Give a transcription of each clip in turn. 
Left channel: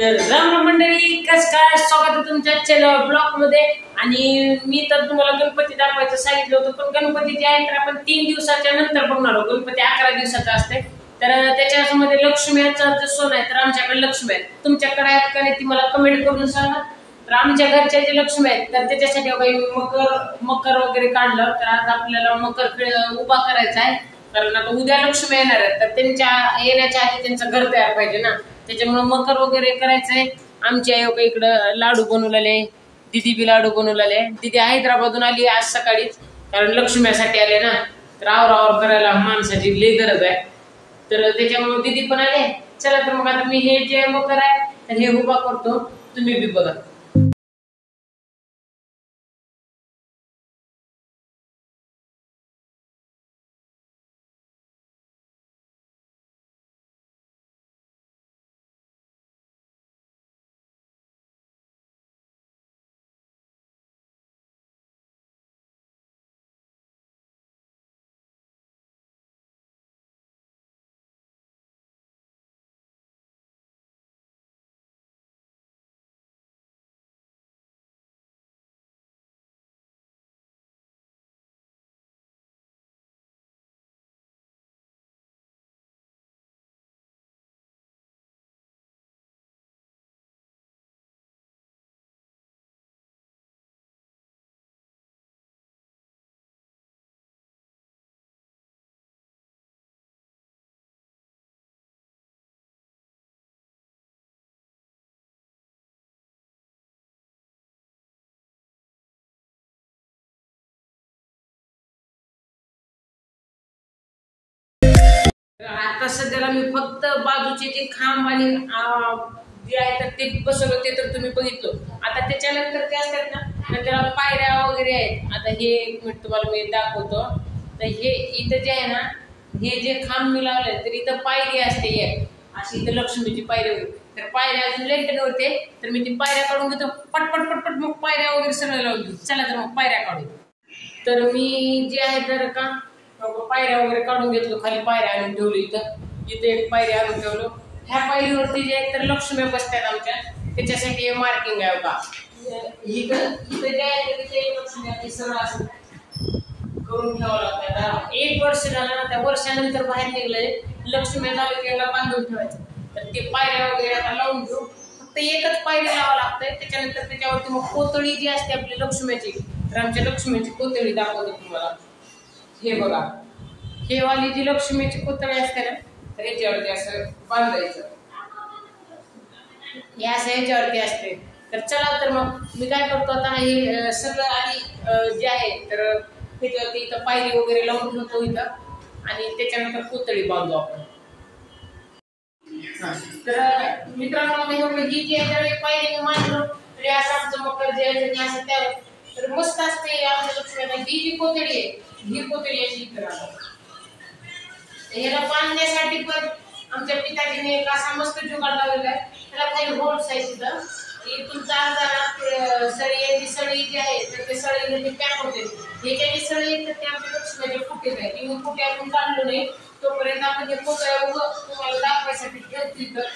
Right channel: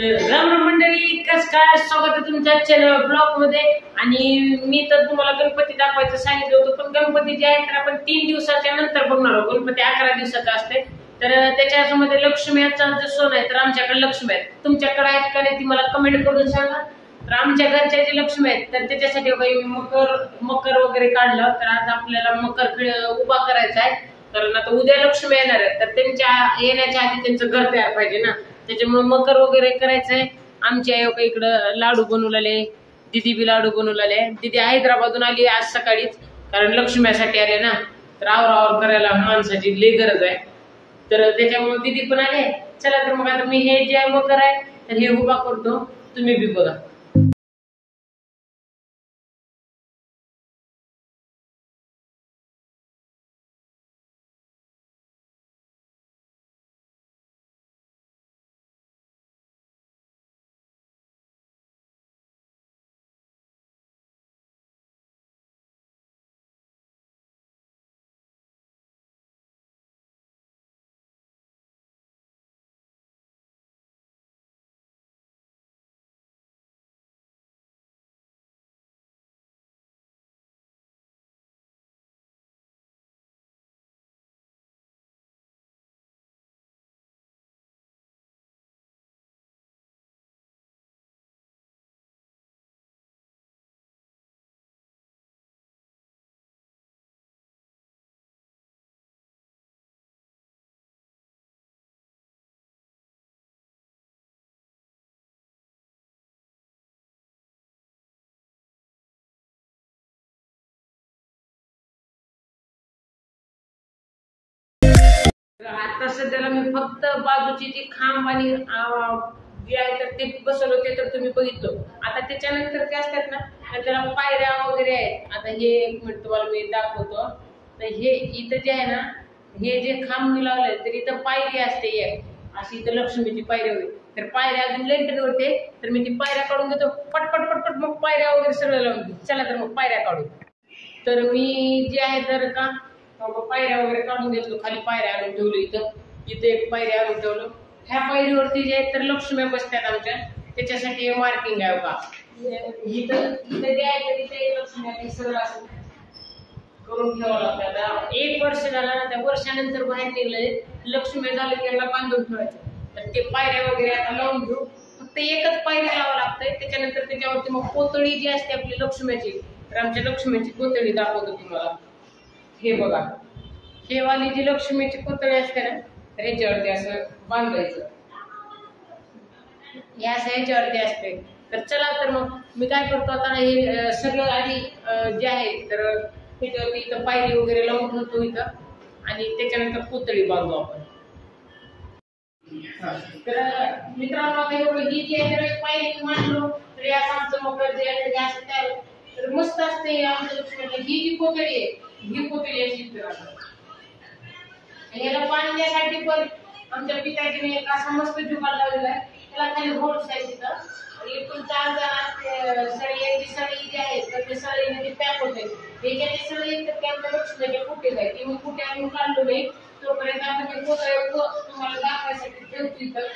तर राम राम मंडळी, कस काय स्वागत आहे तुमच्या चॅनल ब्लॉग मध्ये। आणि मी तर तुम्हाला गणपती दाखवायचं सांगितलं होतं, पण गणपती जे आहे तर आपण 3 दिवसाच्या नंतर बघणार आहोत। गणपती 11 दिवसाचा असते, तर त्याच्यामध्ये लक्ष्मीचा जो सण आहे तर आमच्याकडे लक्ष्मी आहेत, तुमच्याकडे आहेत का नाही ती मला कमेंट करून सांगा। तर आमच्या घरच्या जे लक्ष्मी आहेत तर त्याच्यासाठी मी मकर वगैरे काढलं। तर आज आपल्याला मकर उभा करायचा आहे, कारण आता उद्या लक्ष्मी येणार आहेत, तर त्यांच्या येण्याच्या आधी त्यांचं घर तयार पाहिजे ना, त्याच्यामुळे मकर वगैरे करायचंय। आमची आई इकडं लाडू बनवलेले, दीदी बी लाडू बनवलेले। दीदी हैदराबादून आली आज सकाळीच, कारण लक्ष्मीसाठी आले ना, तर आवर करायला माणसाची लई गरज आहे, तर त्याच्यामुळे दीदी पण आले। चला तर मग आता मी हे जे मकर आहे तर हे उभा करतो, तुम्ही बी बघा। आता सध्याला मी फक्त बाजूचे जे खांब आणि जे आहे तर ते बसवलं होते, तर तुम्ही बघितलं। आता त्याच्यानंतर ते असतात ना, तर त्याला पायऱ्या वगैरे आहेत। आता हे एक मिनिट तुम्हाला मी दाखवतो। तर हे इथं जे आहे ना, हे जे खांब मी लावलंय तर इथं पायरी असते एक अशी, इथं लक्ष्मीची पायरी होती, तर पायऱ्या अजून लेंटेड होते, तर मी ती पायऱ्या काढून घेतो पटपट पटपट, मग पायऱ्या वगैरे सगळं लावून घेऊ। चला तर मग पायऱ्या काढू। तर मी जे आहे तर का पायऱ्या वगैरे काढून घेतलो, खाली पायऱ्या आणून ठेवली, इथं एक पायरी आणून ठेवलो। ह्या पायरीवरती जे आहे तर लक्ष्मी बसतात आमच्या, त्याच्यासाठी हे मार्किंग आहे बघा। इथं जे आहे तर तिथे लक्ष्मी सरळ असं करून ठेवावं लागतं। 1 वर्ष झाला ना, त्या वर्षानंतर बाहेर निघले लक्ष्मी झालं की याला बांधून ठेवायचं। तर ते पायऱ्या वगैरे आता लावून घेऊ, फक्त एकच पायरी लावावं लागतंय। त्याच्यानंतर त्याच्यावरती मग कोतळी जी असते आपली लक्ष्मीची, तर आमच्या लक्ष्मीची कोतळी दाखवतो तुम्हाला। हे बघा, हे वाली जी लक्ष्मीची कोतळी असते ना, तर ह्याच्यावरती असं बांधायचं, या असं ह्याच्यावरती असते। तर चला तर मग मी काय करतो आता, हे सगळं आधी जे आहे तर ह्याच्यावरती इथं पायरी वगैरे लावून ठेवतो इथं, आणि त्याच्यानंतर कोतळी बांधू आपण। तर मित्रांनो, ही जी आहे पायरी मांडलो, तर असं आमचं मकर जे आहे असं त्या तर मस्त असते आमच्या लक्ष्मीला। ही जी कोतळी आहे, ही कोतळी अशी याला बांधण्यासाठी पण आमच्या पिताजीने एक असा मस्त जुगाड लावलेला आहे। त्याला खाली होल्स आहे तिथं, इथून चालताना सळी जी आहे तर ते सळीने पॅक होते। ह्याच्या जे सळी आहेत तर ते आमच्या लक्ष्मीचे फुटे आहेत, ती मग फुटे अजून काढलो नाही, तोपर्यंत आपण हे कोतळ्या तुम्हाला दाखवायसाठी ठेवतो इथं।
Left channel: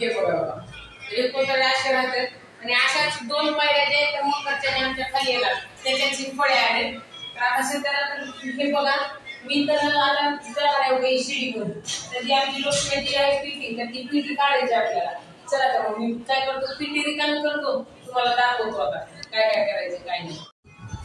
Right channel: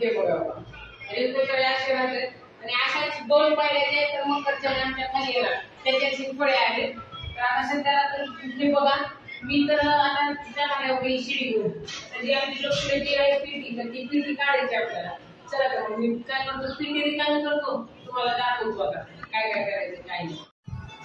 हे बघा, हे कोतळ्या असे राहतात, आणि अशाच 2 पायऱ्या जे आहेत तर मकरच्या आमच्या खाली येणार, त्याच्याची फळे आहेत। तर आता सध्याला तर हे बघा, मी तर आता जाणार आहे शिडीवर, तर जी आमची लक्ष्मीची आहे पिठी, तर ती पिठी काढायची आपल्याला। चला तर मग मी काय करतो, पिठी रिकामी करतो, तुम्हाला दाखवतो आता काय काय करायचं काय नाही।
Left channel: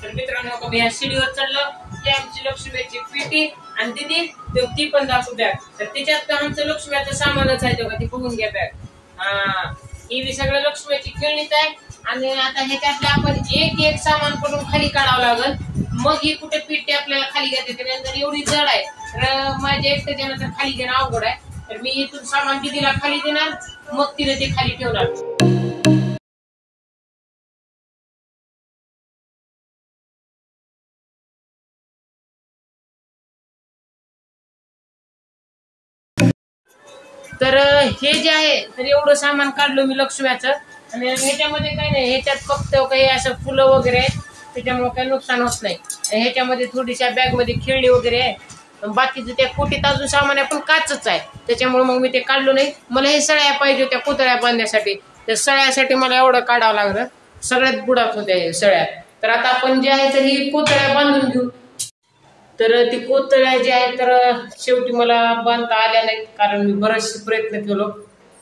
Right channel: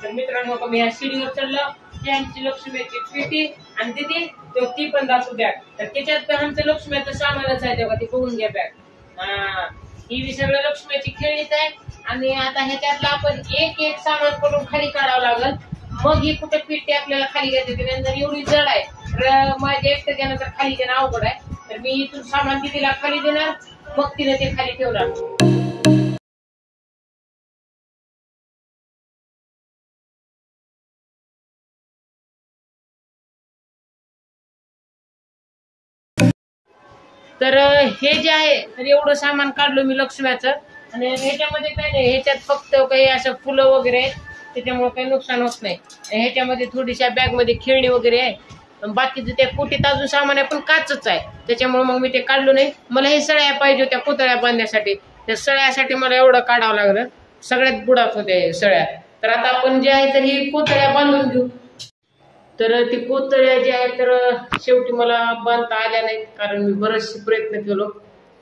तर मित्रांनो, मी ह्या शिडीवर चढलं, ही आमची लक्ष्मीची पिठी, आणि दीदी ती पण दाखवू द्या। तर त्याच्यात आमचं लक्ष्मीचं सामानच आहे तेव्हा, ती बघून घ्या बॅग। ही बी सगळं लक्ष्मीची खेळणीच आहे, आणि आता ह्याच्यातलं आपण एक सामान पडून खाली काढावं लागल, मग ही कुठे पिठी आपल्याला खाली घेते। त्यानंतर एवढी जड आहे, तर माझ्या एकट्याच्या नंतर खाली घेणं अवघड आहे, तर मी इथून सामान दीदीला खाली देणार, मग तिने ते खाली ठेवणार। तर हे जे आहे तर एवढं सामान काढलो मी लक्ष्म्याचं, आणि ह्याच्यामध्ये काही नाही, ह्याच्यात फक्त काही असं फुलं वगैरे आहेत, त्याच्यामुळे काही नुकसान होत नाही। ह्याच्यामध्ये थोडीशा बॅग मध्ये खेळणी वगैरे आहे, बाकीचं त्या कोटीत अजून सामान आहे पण काचच आहे, त्याच्यामुळे मग मी ते काढलो नाही. मला हे सळ्या पाहिजे होत्या कोतळ्या बांधण्यासाठी, त्या सळ्यासाठी मला एवढं काढावं लागलं, सगळ्यात बुडात होत्या हे सळ्या. तर आता आपण जे आहे तर ही कोतळ्या बांधून घेऊ. तर ती कोतळ्या ज्या आहेत तर शेवटी मला बांधता आल्या नाहीत, कारण मी बरेचसे प्रयत्न केलो.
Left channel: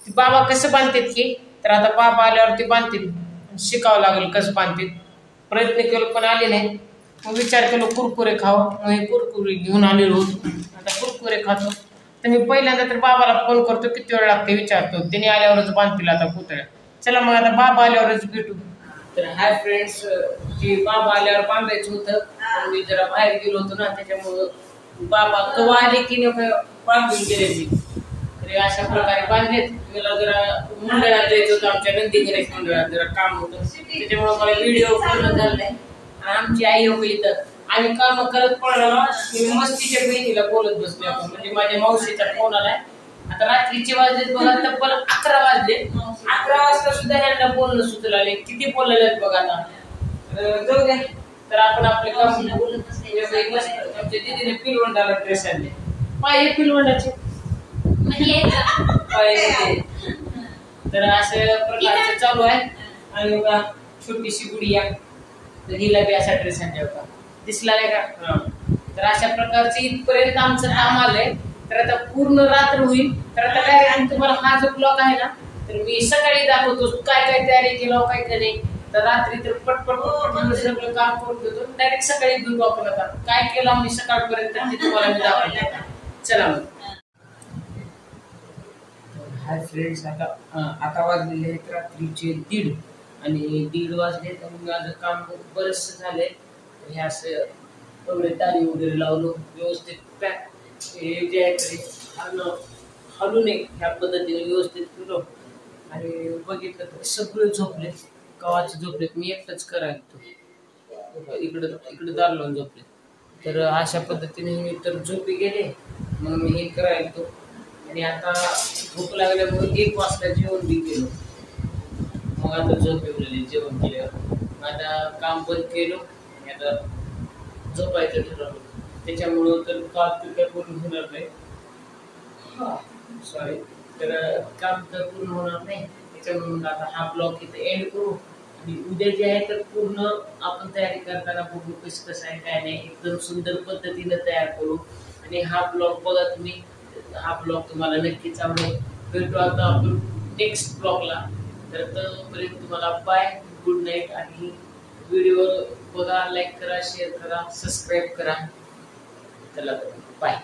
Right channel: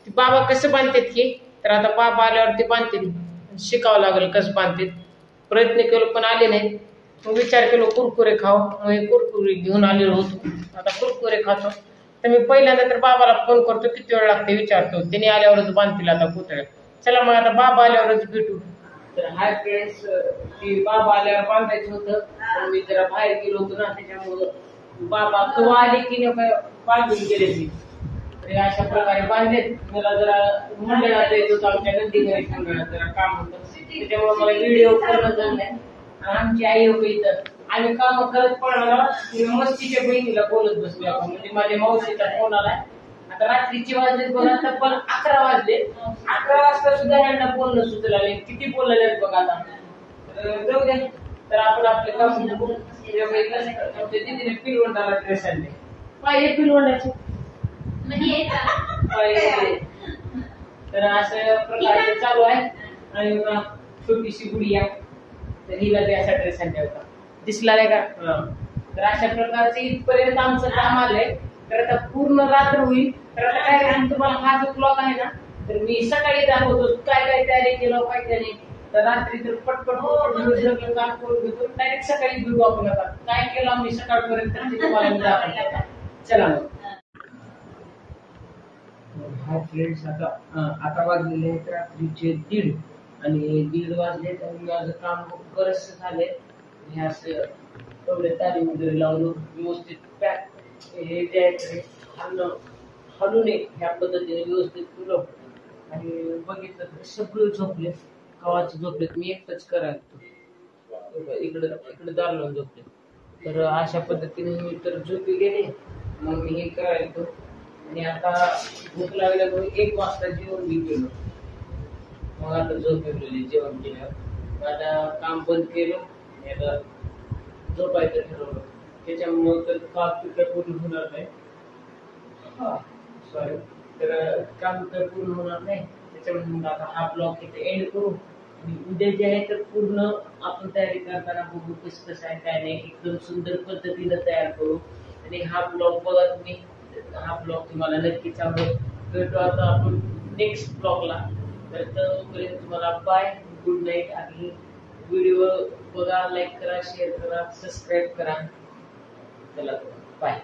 ती बाबा कसं बांधतात की, तर आता बाबा आल्यावर ते बांधतील, शिकावं लागेल कसं बांधतील. प्रयत्न केलो पण आले नाही. मग विचार केलो कुरकुरे खावं, मग हे कुरकुरे घेऊन आलेलो होतो, आता कुरकुरे खातो. तर मी पहिल्यांदा तर बाबाला फोन करतो, किती वेळ लागते विचारतो, त्याने आल्यावरच बांधतील आता कोतळ्या. चला मग आता बाबा आल्यावरच भेटू. तर हाय फ्रेंड्स, ती बाबा आल्यावर बांधायचं होतं, पण मी जरा बाहेर गेलो होतो ना, त्याच्यामुळं बाबा कवा आले की बांधून गेले मी. तर अशा प्रकारे बांधलेत. मला जरा मंडळात जायचं होतं, आमच्या नंदी गणेश मंडळात जरा काम होतं, त्याच्यामुळे मला व्हिडिओ करणं झालं नाही. आणि आमची आई होती इथं, आम्ही काम करत पडलो, मस्तीच्या बहिणीला बोलत बसलो आपण, म्हणजे माझ्या मावशीचा फोन आलाय. आता रात्रीचे वाजलेत बघा, तब्बल 11 वाजले. 11 वाजता सुद्धा ह्यांना बोलणं सुचलं नाही, किती बोललेत बघा आता. तर जाऊ द्या, तर आपण आपले काम आमच्या दीदीने पिलवंडाला ड्रेस आणले, पाहिजे पिलवंडाचे तर अशा प्रकारचं चालू आहे. आणि छोटीशी गुडिया, तर हिला बी असा ड्रेस आणला होता, दिसला नाही का. तर अशा प्रकारचं इथपर्यंत आमचं काम आलंय. तर आता पूर्ण रात्र होईल. तर आता काय तुम्हाला हा जो ब्लॉग आहे ना, तर मी सकाळी दाखवतो काय काय तयारी केलं काय काय नाही. तर रात्री तर पटपट सगळं काम करून घेतो, डायरेक्ट सकाळी घेऊ आपण. आता काय केलं आम्ही सकाळपर्यंत ते तुम्हाला मी दाखवतो. चला मग. हाय फ्रेंड्स, आता वाजलेले आहेत रात्रीचे 1:30 आणि 1:30 वाजलेत आणि माझं काम बरंच झालंय. हे असं एवढे तारी वगैरे लावलो, व्यवस्थित पॅक हे जे आहे ते हलू नये ह्या पद्धतीने व्यवस्थित केलो. आणि बघितलं तर सगळे झोपले, कवाचे झोपलेत, मी एकटाच करायचो, इकडं दार लावून झोपले. तर अशा पद्धतीने मी तर झोपी गेले. मग मी हे करायचो आणि आता भूक लागल्यामुळे 1 वाजता जेवण बी केलं. मग आता झोप येऊन जेवण केल्यावर आता काम बंद केलं आणि आता झोपायचं ठरवलं. त्याच्यामुळं तर काम तर पूर्ण होणार नाही, सॉरी, तर काम तर पूर्ण होणार नाही. त्याच्यामुळे आता हा ब्लॉग इथे एंड करू. आणि उद्या जे आहे तर पूर्ण आपण तयारी करताना बघू कसं आहे काय नाही, एकदम सुंदर पद्धतीने तयार करू. आणि हा ब्लॉग बघा तुम्ही, हा ब्लॉग तुम्हाला नक्कीच आवडेल. भेटू आता आपण नेक्स्ट ब्लॉगला. तर तोपर्यंत तुम्हाला बाय, गुड नाईट. आणि व्हिडिओ बघा, लाईक करा, शेअर करा, सबस्क्राईब करा. चला बाय.